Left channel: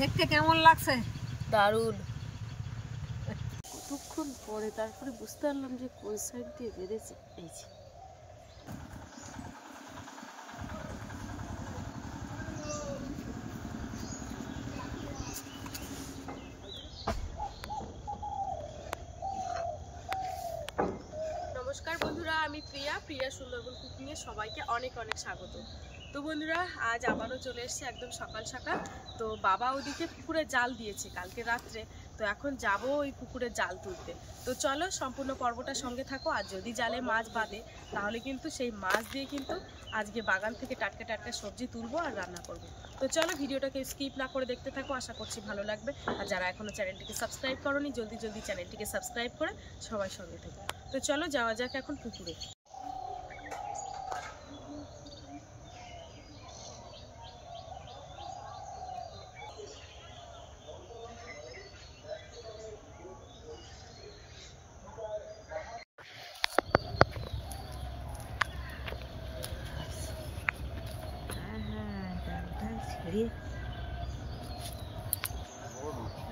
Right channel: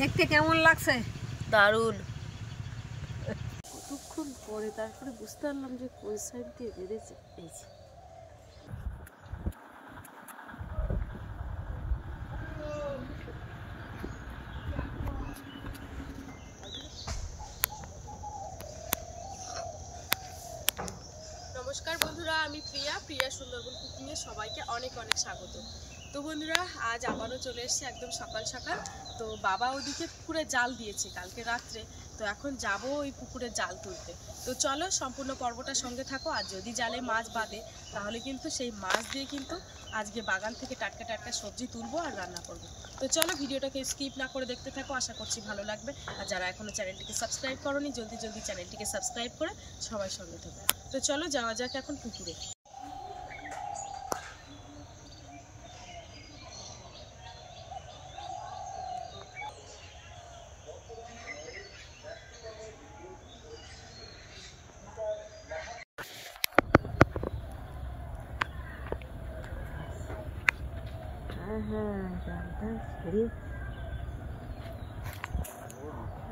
দেখতে কেমন লাগছে? দারুণ। কতক্ষণ পরে তারপরে বুঝতে পারলাম যে কোন সাইড দিয়ে বেঁধেছে। এই যে নমস্কার বন্ধুরা, আমি প্রিয়া সুন্দরবন কুকিংয়ে সবাইকে অনেক অনেক স্বাগত। তো বন্ধুরা, আজ আবারও চলে এসেছি একদম সকাল সকাল। তো বাবা ওদিকে পুকুরে জাল দিয়েছে কালকে রাত্রে, তো এখন যাব ওই পুকুরে জাল তুলতে। তো চলো সম্পূর্ণ পর্বটা সঙ্গে থাকো। আর যদি জালে মাছ বাঁধে তাহলে কিন্তু সেই মাছ দিয়ে কিন্তু আজকে বাগান থেকে টাটকা টাটকা সবজি তুলবো আর রান্না করব। তো চলো ভিডিওটাকে স্কিপ না করে দেখতে থাকো, আশা করছি ভালো লাগবে। আর যারা এখনও চ্যানেলটিকে সাবস্ক্রাইব করোনি, জলদি জলদি চ্যানেলটিকে সাবস্ক্রাইব করে সবাই সঙ্গে থাকো। তো চলো যাওয়া যাক এখন পুকুরে।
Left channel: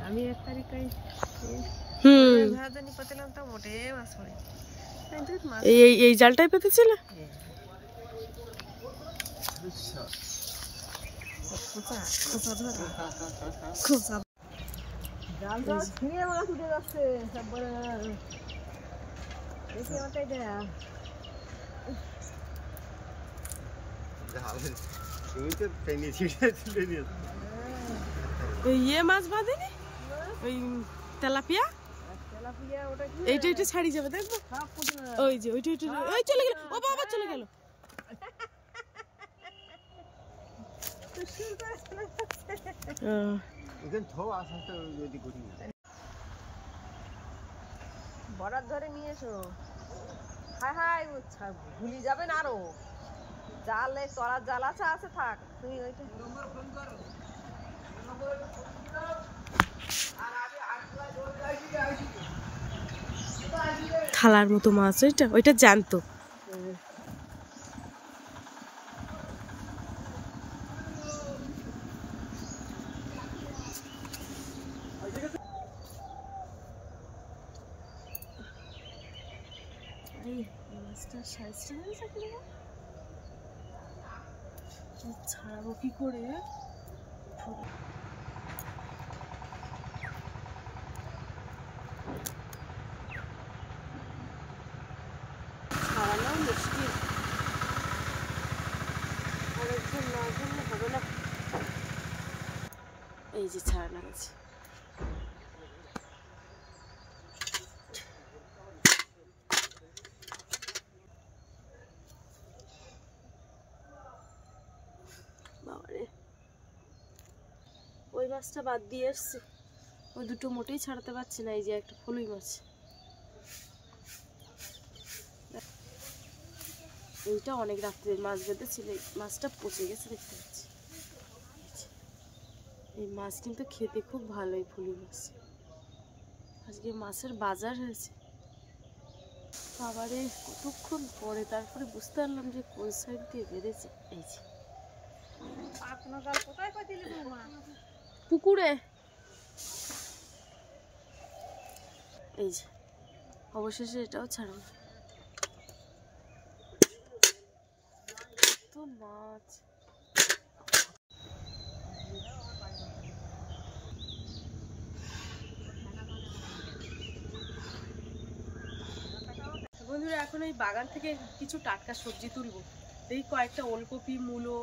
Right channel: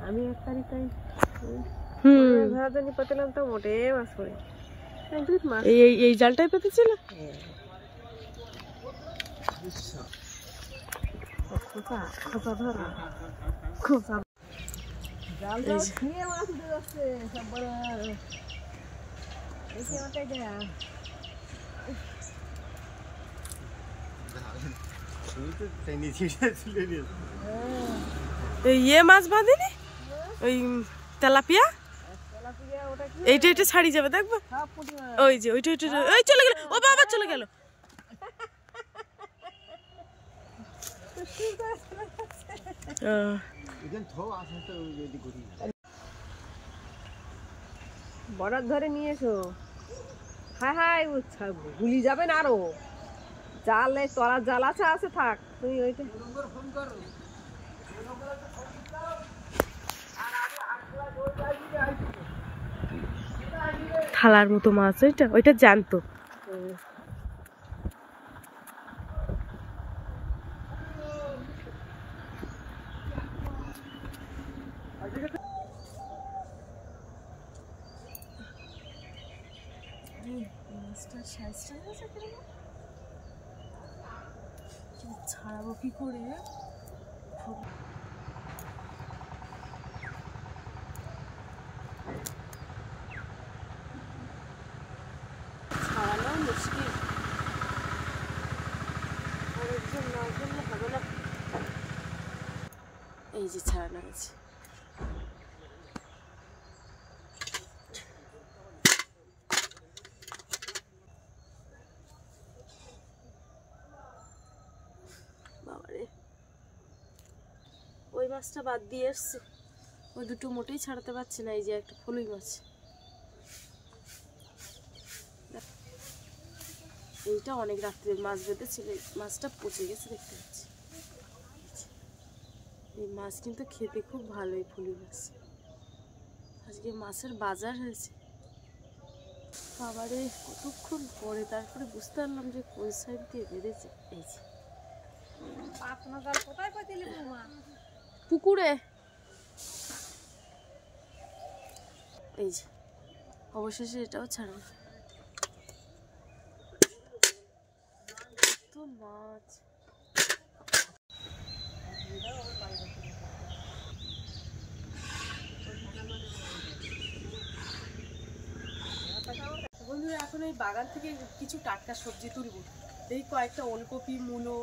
আমি এক তারিখে পেতেলাম তো মোটে মাছ পড়ে। এই জালটাই পেতেছিল। জাল জাল ছিঁড়ে মাছ উঠে যাচ্ছে সব বড়। দেখি ওটাই দেখ ইয়ে মাছ বাঁধেনি ওই তেলাপিয়া। এইটা এটা ছাড়ি যাবে দেখবো। ওই যে ওইটা ওইটা ওই চলে গেল। ও বাবা চলে গেল। বর্ডার ধরে নিয়ে এসো। হ্যাঁ হ্যাঁ ভুলি যাবেন আরো। জালে তোরা জাল আছে আছে থাক তুমি ওইটা। থালার মতো মাছ ওইটা ওইটা জানতো। ছাড়াবো কি করে? ছাড়ানো মুশকিল, আরেকজন না ধরলে হবে না। এই যে ছাড়ানো গেছে। বাবারে, ওই মাছটা বাদ দিয়ে এসছি, ওই দুটো মোটেই ছাড়াতে পারছি না। এই যে একটা ফলুই মাছ, এইটা অনেক রাত্রে মাছ বেঁধেছিল, মাছটা পচে গেছে দেখতে পাচ্ছি। এই মাছ কিন্তু খেতে খুব ভালো, এই ফলুই মাছ। আজকে মাছের বাজার হয়েছে। বাবারে, কতক্ষণ পরে তারপরে বুঝতে পারলাম যে কোন সাইড দিয়ে বেঁধেছে। এই যে পুকুরে, এই যে অবশেষে এটাও ছাড়ানো। তো মাছ বন্ধুরা, এখন এই বাগান থেকে কিছু টাটকা সবজি তুলবো। এই কয়েকটা ওলকপি, মূলো,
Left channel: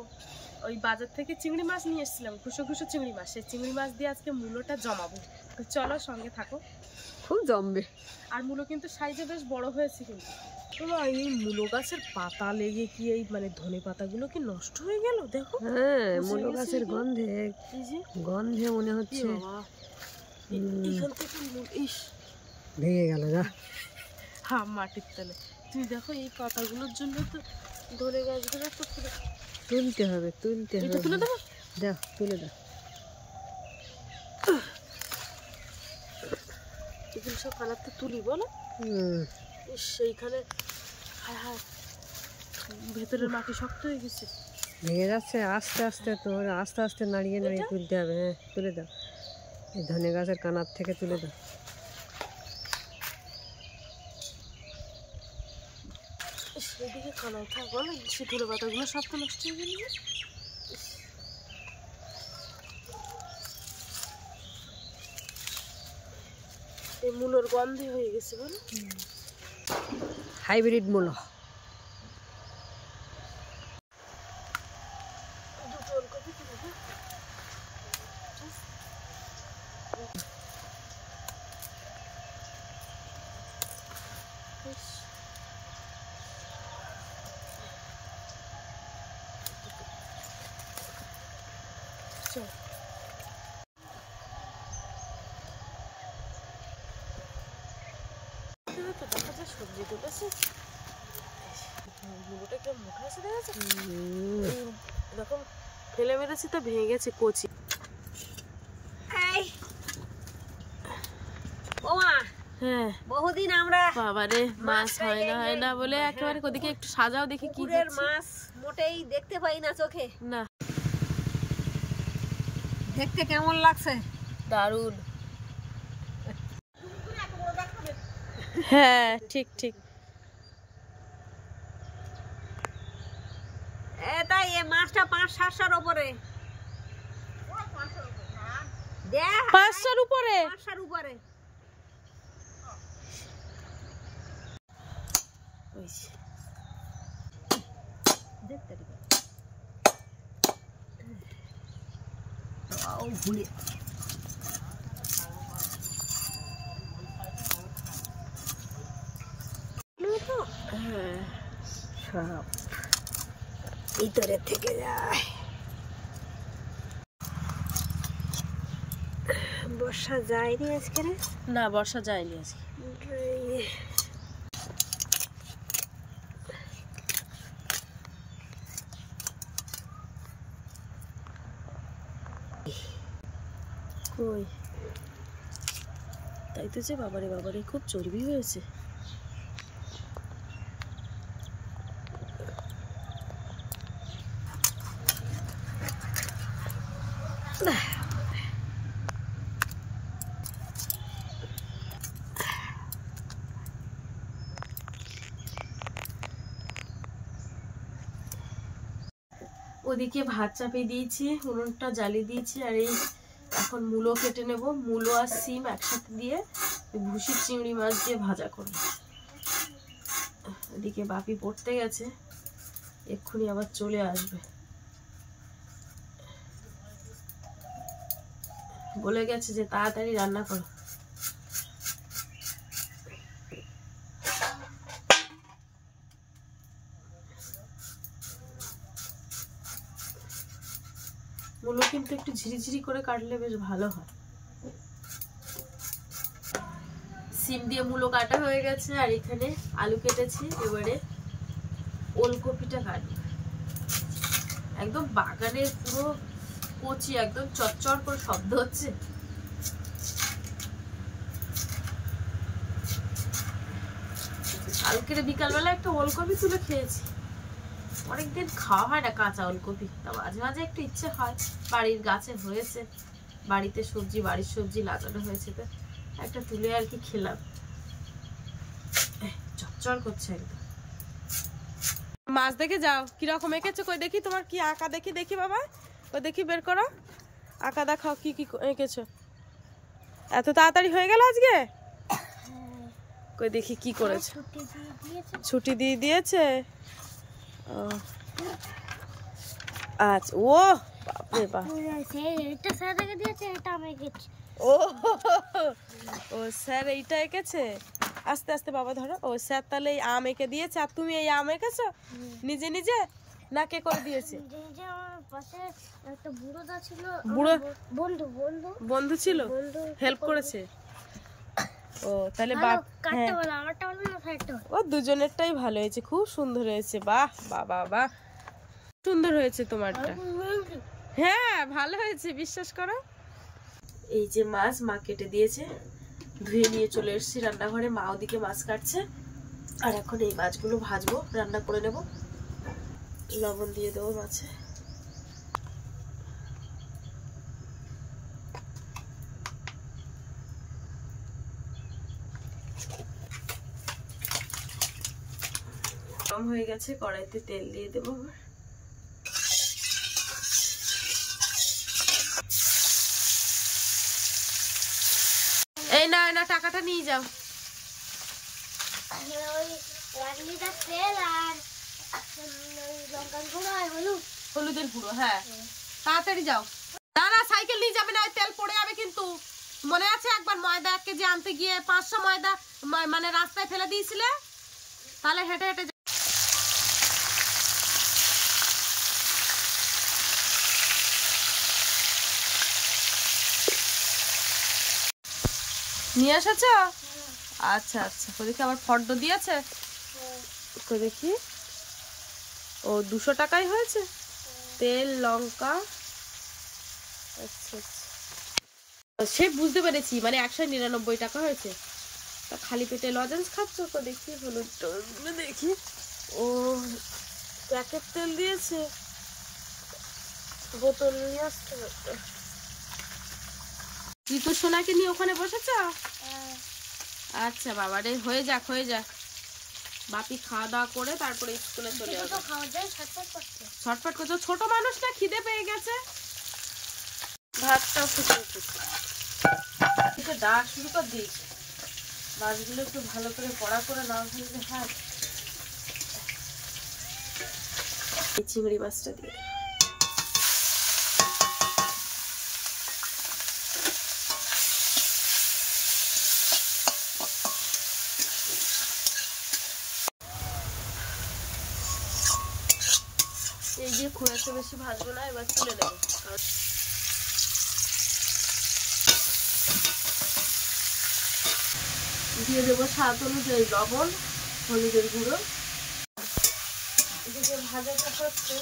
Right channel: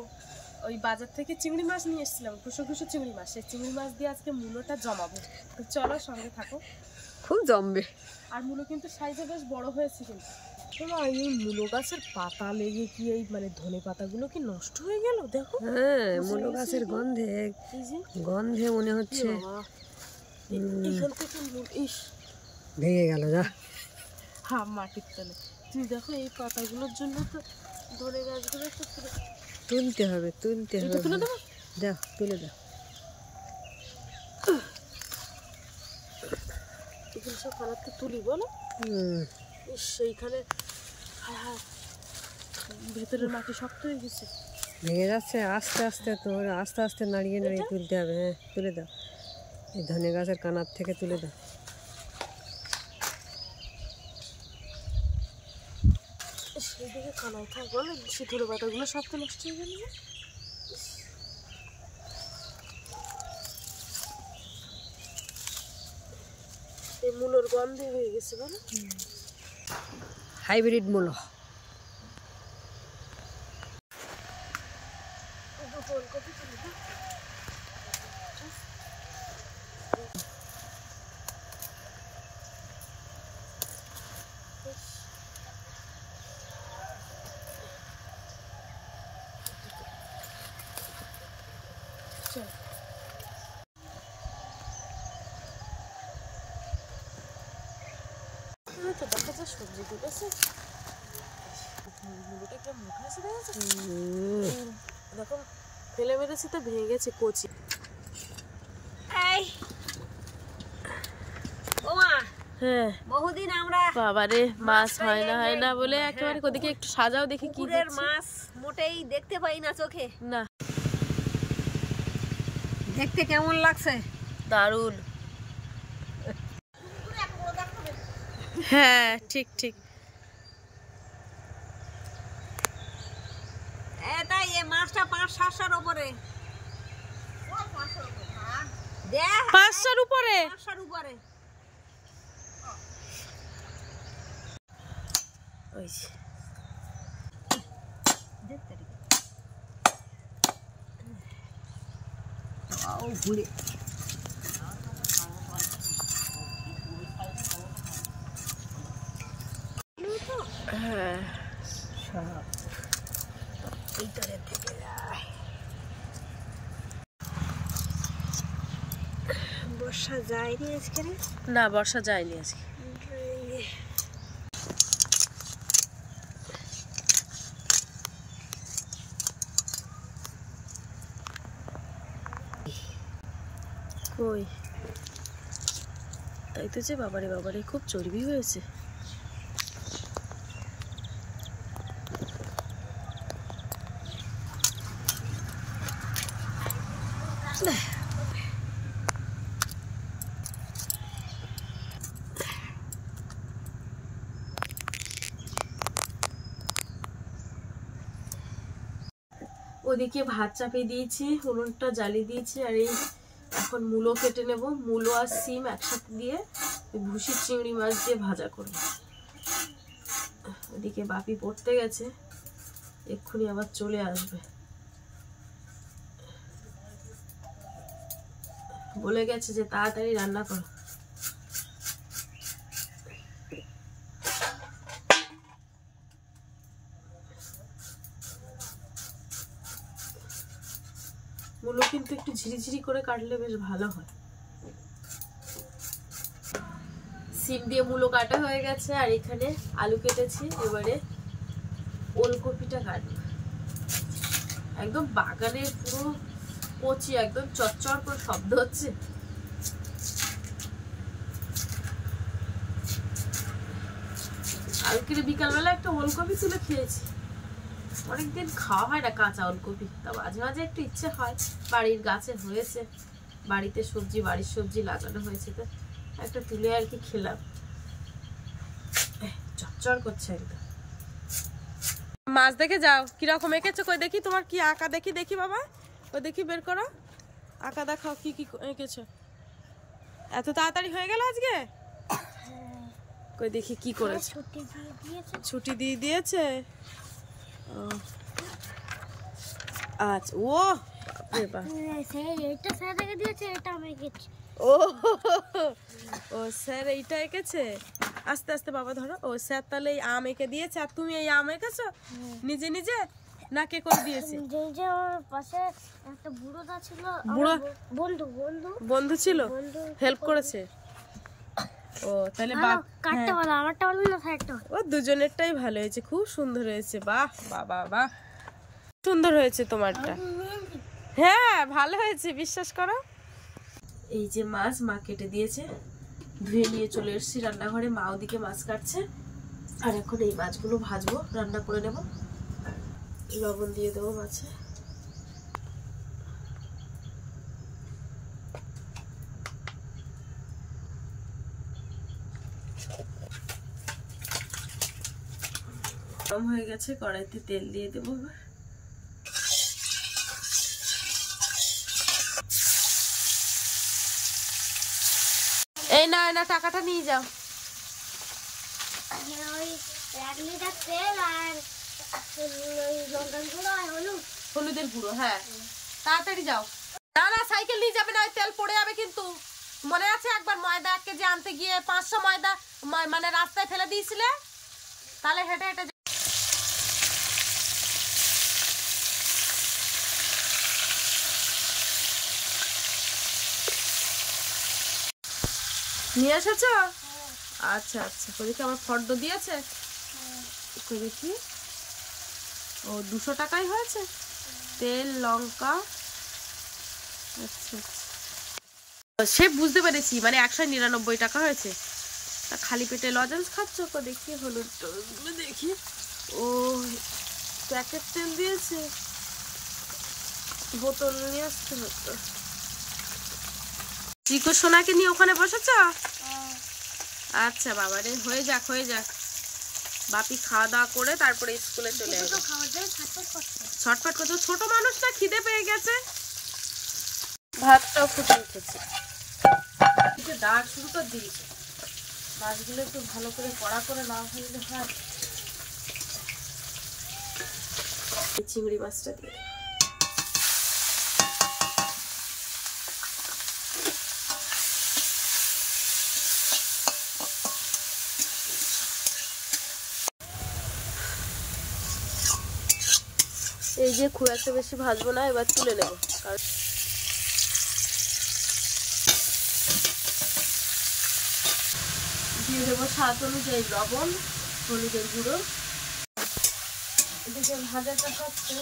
ওই বাজার থেকে চিংড়ি মাছ নিয়ে এসেছিলাম, খুশো খুশো চিংড়ি মাছ। সেই চিংড়ি মাছ দিয়ে আজকে মূলোটা জমাবো। তো চলো সঙ্গে থাকো, খুব জমবে। আর মূলো কিন্তু সাইজে বেশ বড় হয়েছে। কিন্তু এই মূলো গাছের পাতা লেগে কি এই মানে ধনে পাতাগুলো কি নষ্ট হয়ে গেল? দেখো, হ্যাঁ মূলো গাছের গন্ধে গন্ধে মনে হচ্ছে এখান থেকে ইস ভেঙে গেল। যা হ্যাঁ, মাটির তলে। তুমি দেখো এই পাতাগুলোর জন্য তো ধনে গাছগুলো তো তুলতে হবে তুলতে হবে। তুলে দেবো, দাও তুলে দাও। এগুলো সব কানাতে তুলি বলো। সেইখানে হায় হায় ভেতরের মাটি শক্ত হয়ে গেছে। ভেঙে যাচ্ছে আস্তে আস্তে, তো আস্তে আস্তে নাড়িয়ে নাড়িয়ে তুলতে হবে। হ্যাঁ তুলে দাও, এই ধনে গাছের কানার থেকে তুলে দাও। সেদিকে কানায় থাক বলো, সে ধরে পাতাগুলো সব তো নষ্ট হয়ে গেল। এই মূলোর গন্ধে হয়ে গেছে বলো, হাইব্রিড মূলো। দুটো ওলকপি তুলে দাও। চল তো দেখা যায় সবজি তুলেছে, মুলোটা কিরম মোটা আছে দেখা যাচ্ছে। দেখো ফেলে মেরেছি তো ভেঙে গেছে কচি। হ্যাঁ বহুদিন আমরা বাবারে মাছ হয় না বলে একেবারে ওদিকে একটু সাজাও দেখি কি মাছ মোটেই দেখতে পাই না চোখে। না দেখতে কেমন লাগছে? দারুণ। হ্যাঁ ঠিক ঠিক। এটাই এই মাছটা 500-700 উপরে, 500-র উপরে, 500-র উপরে। ওই দেখতে দিবে তাও ভুলে হ্যাঁ সব ভিতরে থেকে যায়। বর্ষা যায়নি আজকে, না বর্ষা যায়নি আজকে। কই তাই তো, যে বাবারে বাবারে খুব চর্বি হয়েছে। ওদিকে ভাত চাপিয়ে দিয়েছি, উনুনটা জ্বালিয়ে দিয়েছি, আর এই এখন মূলো কেটে নেব। মূলো আর সিম একসাথে দিয়ে ভুসি চিংড়ি মাছ দিয়ে ভাজা করব। ওদিকে বাপি পড়তে গেছে, এক্ষুনি আবার চলে আসবে। বলে গেছে যে তাড়াতাড়ি রান্না করো। মূলো কিন্তু একটু ঝিরিঝিরি করে কাটলে বেশ ভালো হয়। সিম দিয়ে মূলো কাটা হয়ে গেছে, আর এখানে আলু কেটেছি। এবারে ওলকপিটা কাটবো। একদম বাগানের পুরো কচি, একদম চচ্চর করে শব্দ হচ্ছে। কালকে বিকালবেলা একটা ওলকপি তুলে খেয়েছি। অনেকদিন খাওয়া হয় না কাঁচা ওলকপি, তা মাঝে মাঝে একটু ইচ্ছে হয়। বাড়ির গাছে হয়েছে, বাড়িতে সবজি, বাড়ির সবজি লাগানো হয়েছে, তো একটা তুলে আর কি খেলাম। চচ্চর করছে একদম। মাছ দেখে যাও কিরকম এঁকেছো, কই দেখি তোমার কি আঁকা, দেখি দেখি বাবা, ওই দেখি বের করো আঁকা, দেখাও কি কি এঁকেছো। এত তাড়াতাড়ি হয়ে গেল আজকে? কই দেখি কি করেছো। ছুটি দিয়ে দিয়েছে। আচ্ছা, ও বাপরে বাপ, ও স্যার এইটা এঁকেছে। আস্তে আস্তে বাবা ধরো। ও স্যার তাহলে এই আম এঁকে দিয়েছে, আর তুমি এই আম এঁকেছো নিজে নিজে, না কে করে দিয়েছে? বুড়ো বন্ধু ছিল, হেল্প করেছে। ও তাহলে বাপ, ও দুজনেরটাই ভালো হয়েছে, খুব সুন্দর হয়েছে। বাহ বাবা বাহ, সুন্দর হয়েছে তোমারটা। হ্যাঁ ভালো হয়েছে, বিশ্বাস করো। এই যে মাছ মা কেটে দিয়েছে, ধুয়ে নিয়ে চলে এসেছি রান্নাঘরে। মা ওদিকে মাছ কাটছে, আর এখন এই মাছগুলো ভাজবো, রান্না করে নেব। লবণ দিয়ে দেবো মাছে। গরম হয়ে গেছে, কড়াইতে তেল দিয়ে দেবো। এই না না টাকাটা নিয়ে যাও। ওই 1 লিটার তেল আর ওই লঙ্কার গুঁড়ো আর হলুদ। হলুদের গুঁড়ো, হ্যাঁ তাড়াতাড়ি যাও। না না সাইকেল নিয়ে যাবে না, ওই তেল পড়ে যাবে কিন্তু। মনে আছে একবার ময়দা 1 কেজি আনতে গিয়ে 500 ময়দা মানে রাস্তায় ফেলে দিয়েছিলে? তাহলে হেঁটে হেঁটে নিয়ে এসেছ? আচ্ছা আচ্ছা, দেখি আবার ফর্দ দিয়েছে, দেখি। ও 200 টাকাই হয়েছে তেল লঙ্কা। আচ্ছা আচ্ছা, সে বুঝতে পেরেছি, মানে 199 টাকা হয়েছে। তা খালি পেটে লজেন্স খাচ্ছ? দেখি হলুদ দেখি। ও প্যাকেট তেল দিয়েছে, বোতল নিয়ে আসতে হতো। চিকু সোনাকে নিয়ে ওখানে বসেছ? আচ্ছা বাবা রে, হয়ে যাক হয়ে যাক। বাপি খাওয়া দাওয়া করে তারপরে স্কুলে চলে যাবে। ছটফট করছো, ছোট মানুষ না, খিদে পেয়ে গেছে। ভাতটাও ফুটে উঠেছে, ডাক শুরু করে দিয়েছে। মাছগুলো একটু ভালো করে কড়া করে না ভাজলে হয়। চিংড়ি মাছটা দিয়ে এই যে খুব একটা বেশি ভাজবো না, এবার তুলে নেবো। দিয়ে দেবো স্বাদ অনুযায়ী লবণ, হলুদের গুঁড়ো। এদিকে ভাজাটা হচ্ছে,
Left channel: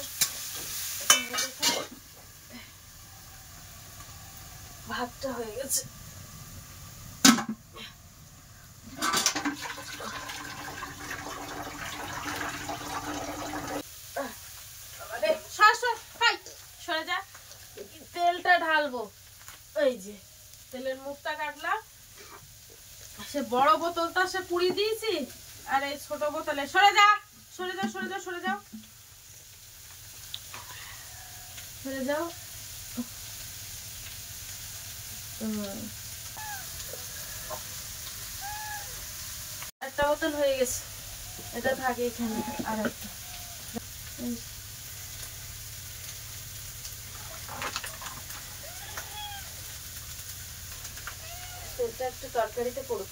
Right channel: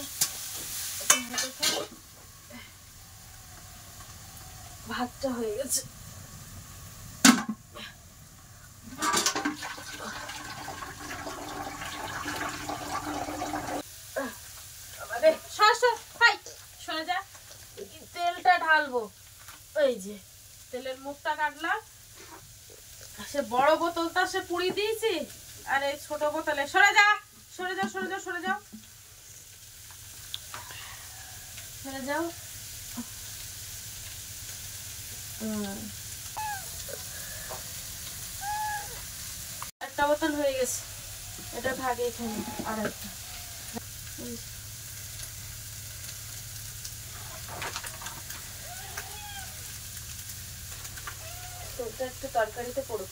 ভাতটা হয়ে গেছে। সরে যা, তেলটা ঢালবো। এই যে তেলের মুখটা কাটলাম, সে বড় বোতলটা সে পুড়িয়ে দিয়েছি, আর এই ছোট বোতলে। সরে যা সরে যাও সরে যাও সরে যাও সরে যাও। একটা বোতল হয়ে গেছে, এটা থাকে এখানে। আর একটা তেলটা একটু তরকারিতে পড়ুক।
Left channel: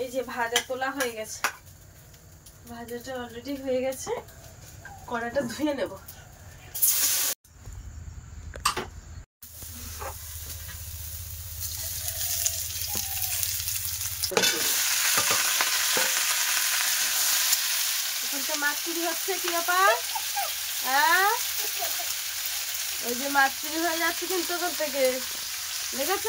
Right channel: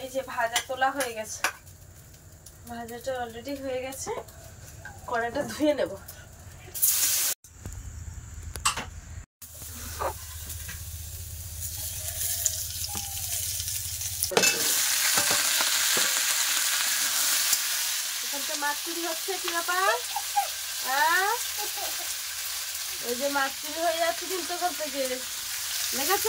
এই যে ভাজা তোলা হয়ে গেছে, ভাজাটা অলরেডি হয়ে গেছে। কড়াটা ধুয়ে নেব। এখানটা মাছ চুরি হচ্ছে, কি ব্যাপার? হ্যাঁ, ওই যে মাছ চুরি হয়ে যাচ্ছে কিন্তু ওখান থেকে, দেখেছ?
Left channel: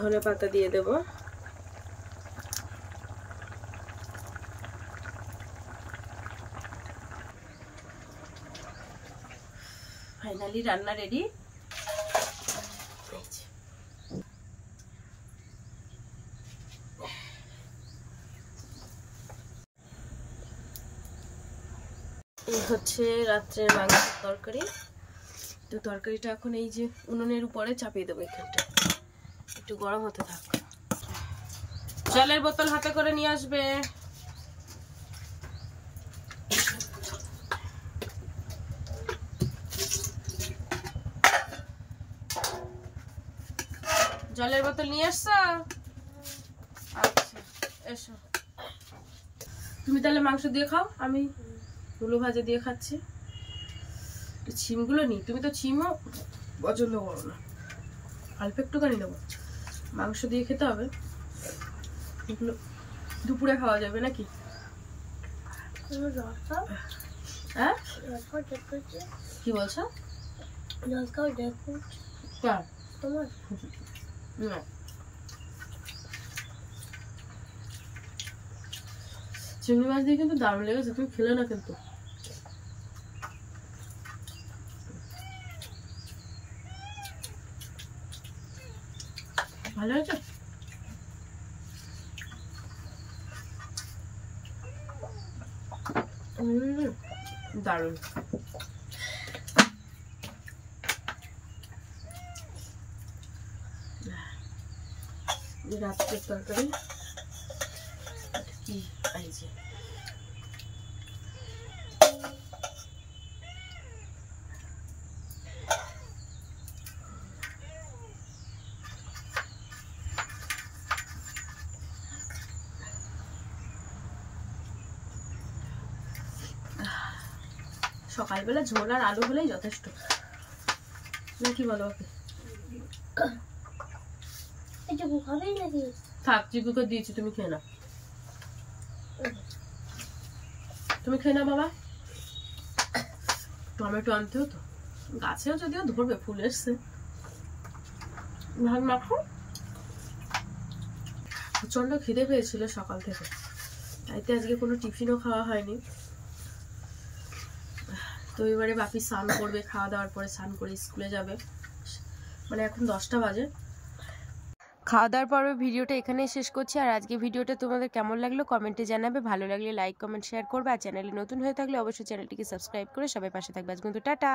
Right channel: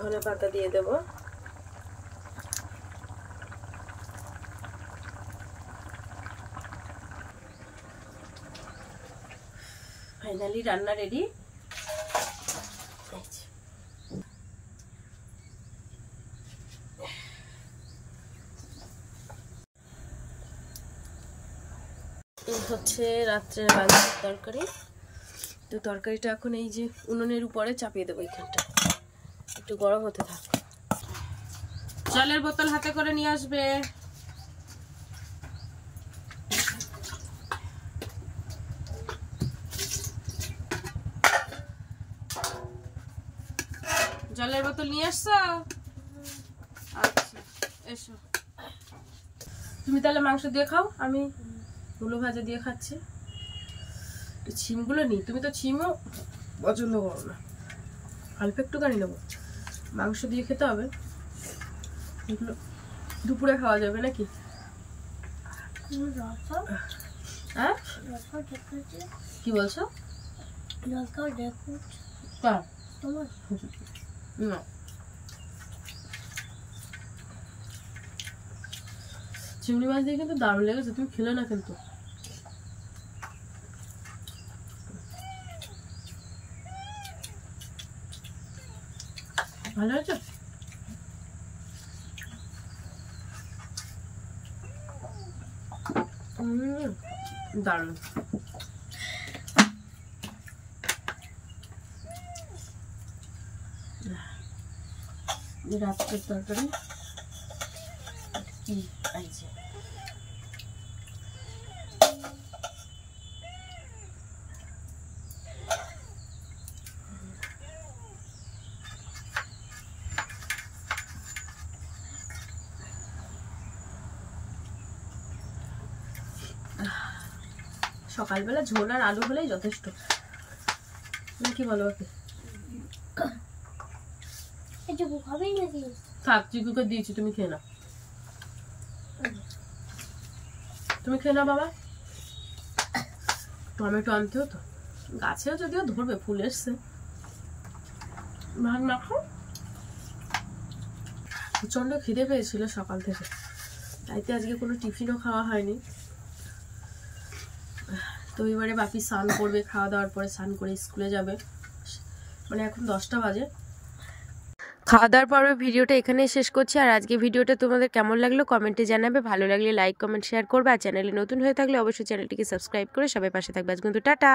ধনে পাতা দিয়ে দেব। ফাইনালি রান্না রেডি। এই হচ্ছে রাত্রের মাংসের তরকারি। তো তরকারিটা এখন এই যে উনুনের উপরে চাপিয়ে দেবো, এখানটা একটু গরম হতে থাক। জলের বোতল হাতে করে নিয়ে আসবে। জলের বোতল নিয়ে আসছো? আচ্ছা এসো। তুমি তাহলে মাংস দিয়ে খাও, আমি গুলো ভাজা দিয়ে খাচ্ছি। ছিমগুলো নি, তুমি তো ছিমও পছন্দ করো না। অল্প একটুখানি নেবো, মাংস দিয়ে খেতে হবে। এগুলো দুপুরে খাওয়া যাবে নাকি? হ্যাঁ লঙ্কাও ডেট করছে, কি বলছো? লঙ্কাও ডেট করছে কার? তোমার। না, চিংড়ি মাছ দিয়ে কিন্তু দারুণ লেগেছে, তুমি খেলে না কিন্তু। ভালো হয়েছে। দারুণ। রাত্রের তরকারি কি এই যে সকালবেলা ঝোল আর আলু হলেই যথেষ্ট, কি বলো? এটুকু হবেই নাকি? থাক, জিগুকে দিয়েছি, তুমি খেয়ে না, তুমি খেয়ে না বাবা। টমেটো আনতে হতো, গাছেও যদিও ধরবে, ফুল এসছে। ভাগ মাখো। প্রচন্ড খিদে পেয়েছিল সকাল থেকে, তাইতে আজকে কোনো টিফিনও খাওয়া হয়নি। তো এবারে বাপি স্নান করবে, খাওয়া দাওয়ার পরে স্নান করে স্কুলে যাবে, মানে এখন 10টা বাজে। খাওয়া দাওয়ার পরে ভিডিওটা এখানেই শেষ করছি। আর আজকে ভিডিওটা তোমাদের কেমন লাগলো কমেন্টে জানাবে, ভালো লাগলে লাইক কমেন্ট শেয়ার করবে, আর চ্যানেলে নতুন হয়ে থাকলে অবশ্যই চ্যানেলটিকে সাবস্ক্রাইব করে সবাই পাশে থাকবে। আজ কিন্তু টাটা।